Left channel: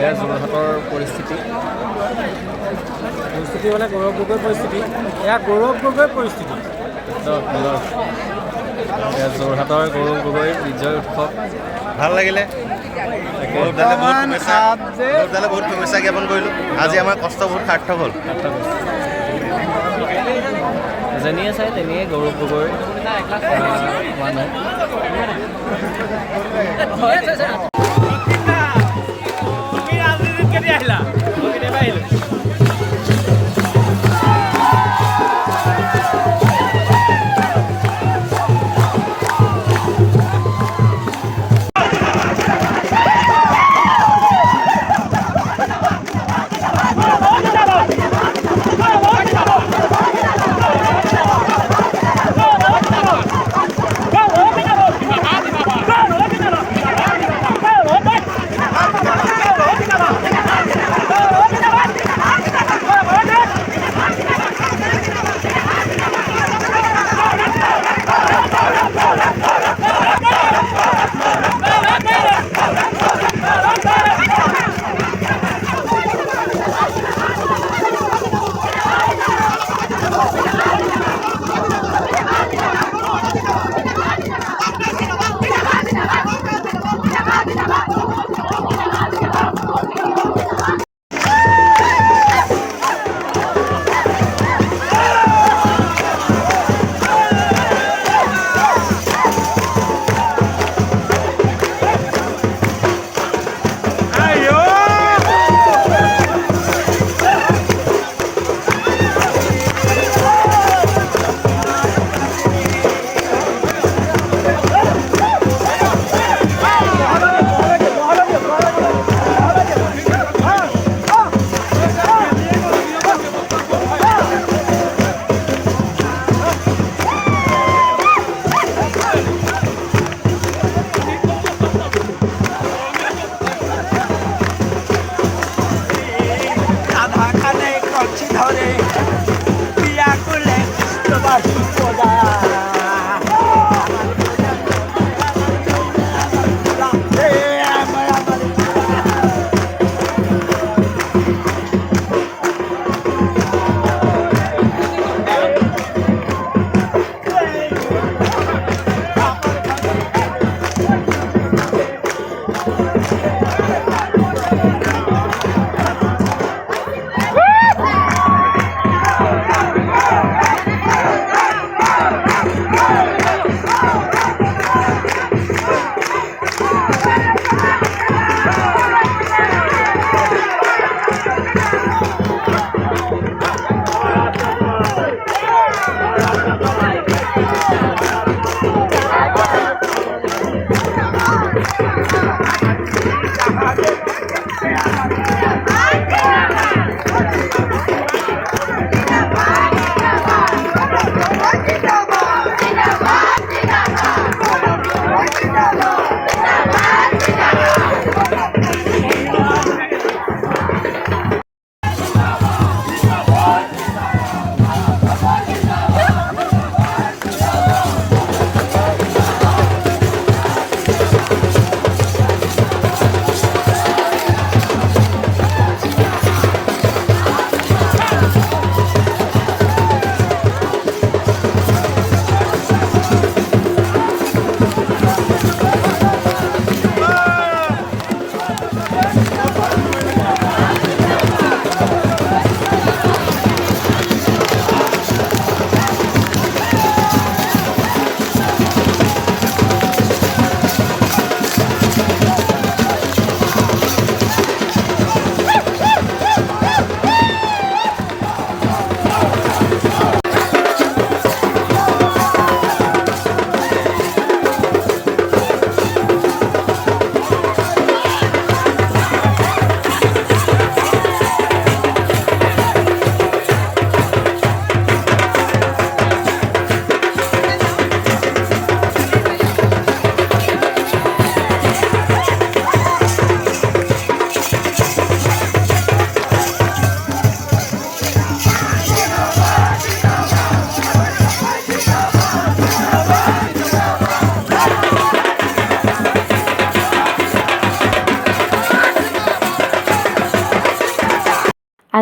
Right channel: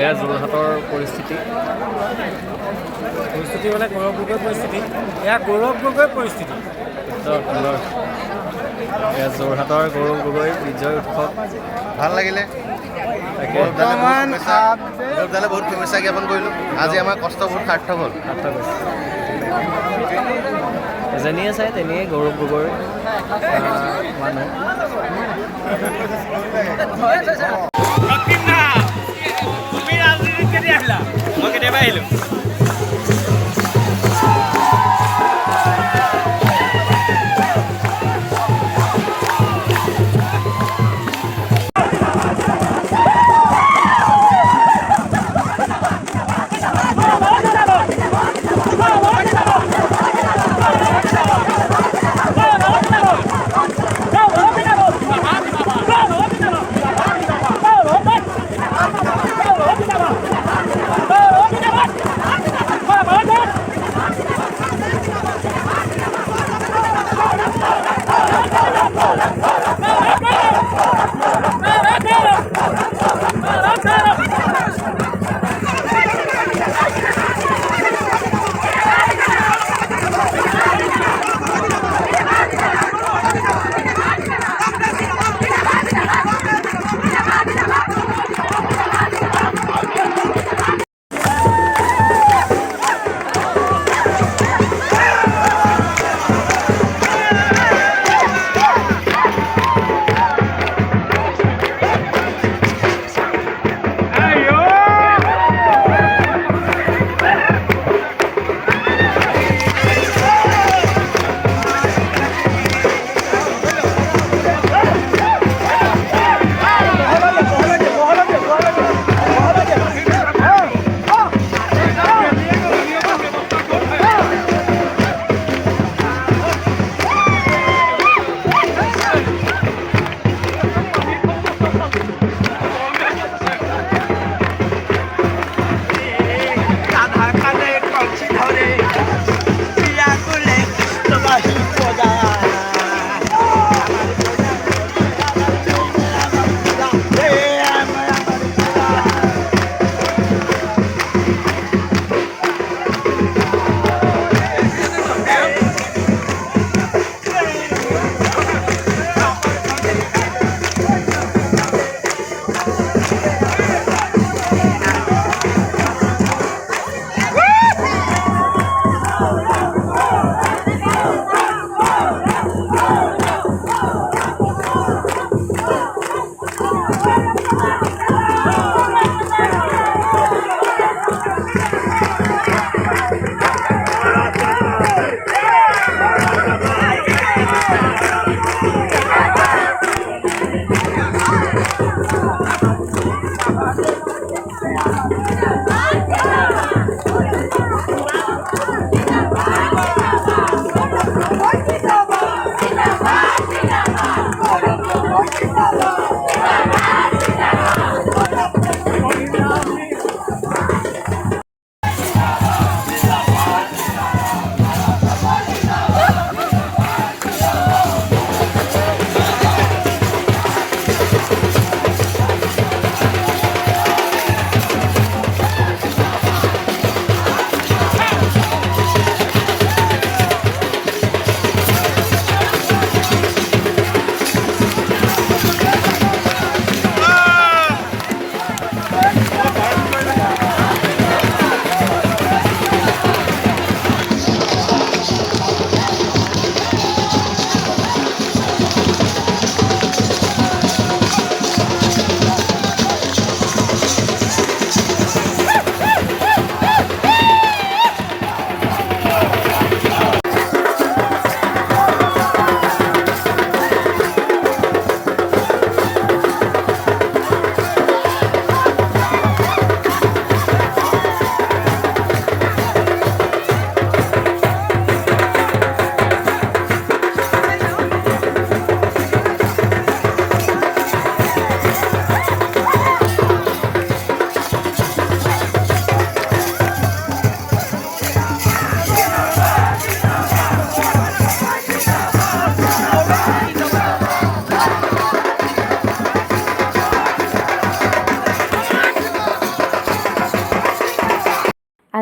এয়া যোৰহাটৰ পৰিস্থিতি মানে গৌৰৱ গগৈ পৰিস্থিতি, এয়া গৌৰৱ গগৈ পৰিস্থিতি। সুন্দৰ সুন্দৰ। এয়া যোৰহাটৰ গৌৰৱ গগৈ বিজয় উৎসৱ। ভাল লাগিলে। তাকে গৌৰৱদালে বহুত শুভেচ্ছা জ্ঞাপন কৰিলোঁ। আজি আমাৰ কষ্ট বহুত সাৰ্থক হ'ল। যেনিয়ে চাই তেনিয়ে গৌৰৱ গগৈৰ মানুহ। মই কেতিয়াবা আহিলোঁ।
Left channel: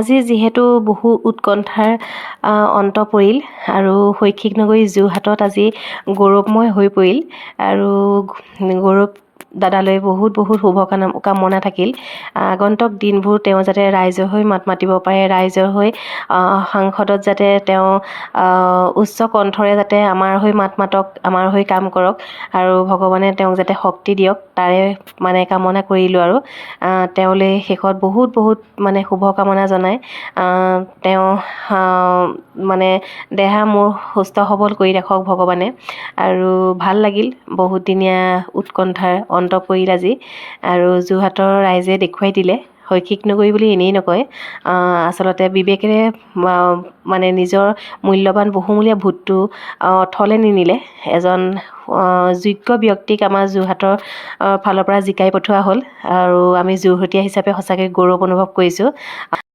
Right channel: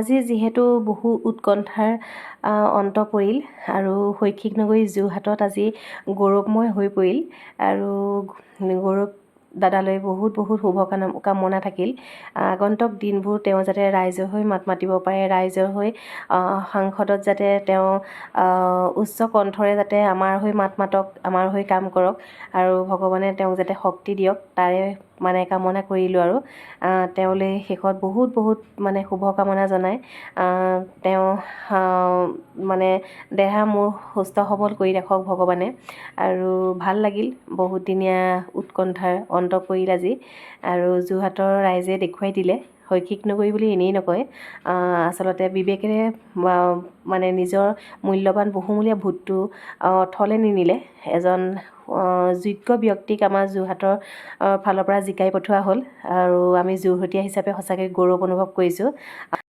আজি যিহেতু বহু উৎকণ্ঠাৰ অন্ত পৰিল আৰু শৈক্ষিক নগৰী যোৰহাটত আজি গৌৰৱময় হৈ পৰিল আৰু গৌৰৱ দাদালৈ বহুত বহুত কামনা থাকিল। আগন্তুক দিনবোৰ তেওঁ যাতে ৰাইজৰ হৈ মাত মাতিব পাৰে, ৰাইজৰ হৈ সাংসদত যাতে তেওঁ উচ্চ কণ্ঠৰে যাতে আমাৰ হৈ মাত মাতক, আমাৰ হৈ কাম কৰক আৰু ভগৱানে তেওঁক যাতে শক্তি দিয়ক, তাৰে মানে কামনা কৰিলোঁ। আৰু তেওঁলৈ শেষত বহুত বহুত মানে শুভকামনা জনাই তেওঁ মানে দেহা মোৰ সুস্থ সবল কৰি ৰাখক ভগৱানে। আৰু ভাল লাগিল, বহুতদিনীয়া উৎকণ্ঠাৰ অন্ত পৰিল আজি। আৰু যোৰহাটৰ ৰাইজে দেখুৱাই দিলে শৈক্ষিক নগৰী বুলি এনেই নকয়, আচলতে বিবেকেৰে মানে নিজৰ মূল্যৱান বহুমূলীয়া ভোটটো অথলে নিনিলে। এজন যোগ্য ব্যক্তিক আমাৰ যোৰহাটৰ ফালৰ পৰা জিকাই পঠোৱা হ'ল আৰু আমি যোৰহতীয়া হিচাপে সঁচাকৈ গৌৰৱ অনুভৱ কৰিছোঁ।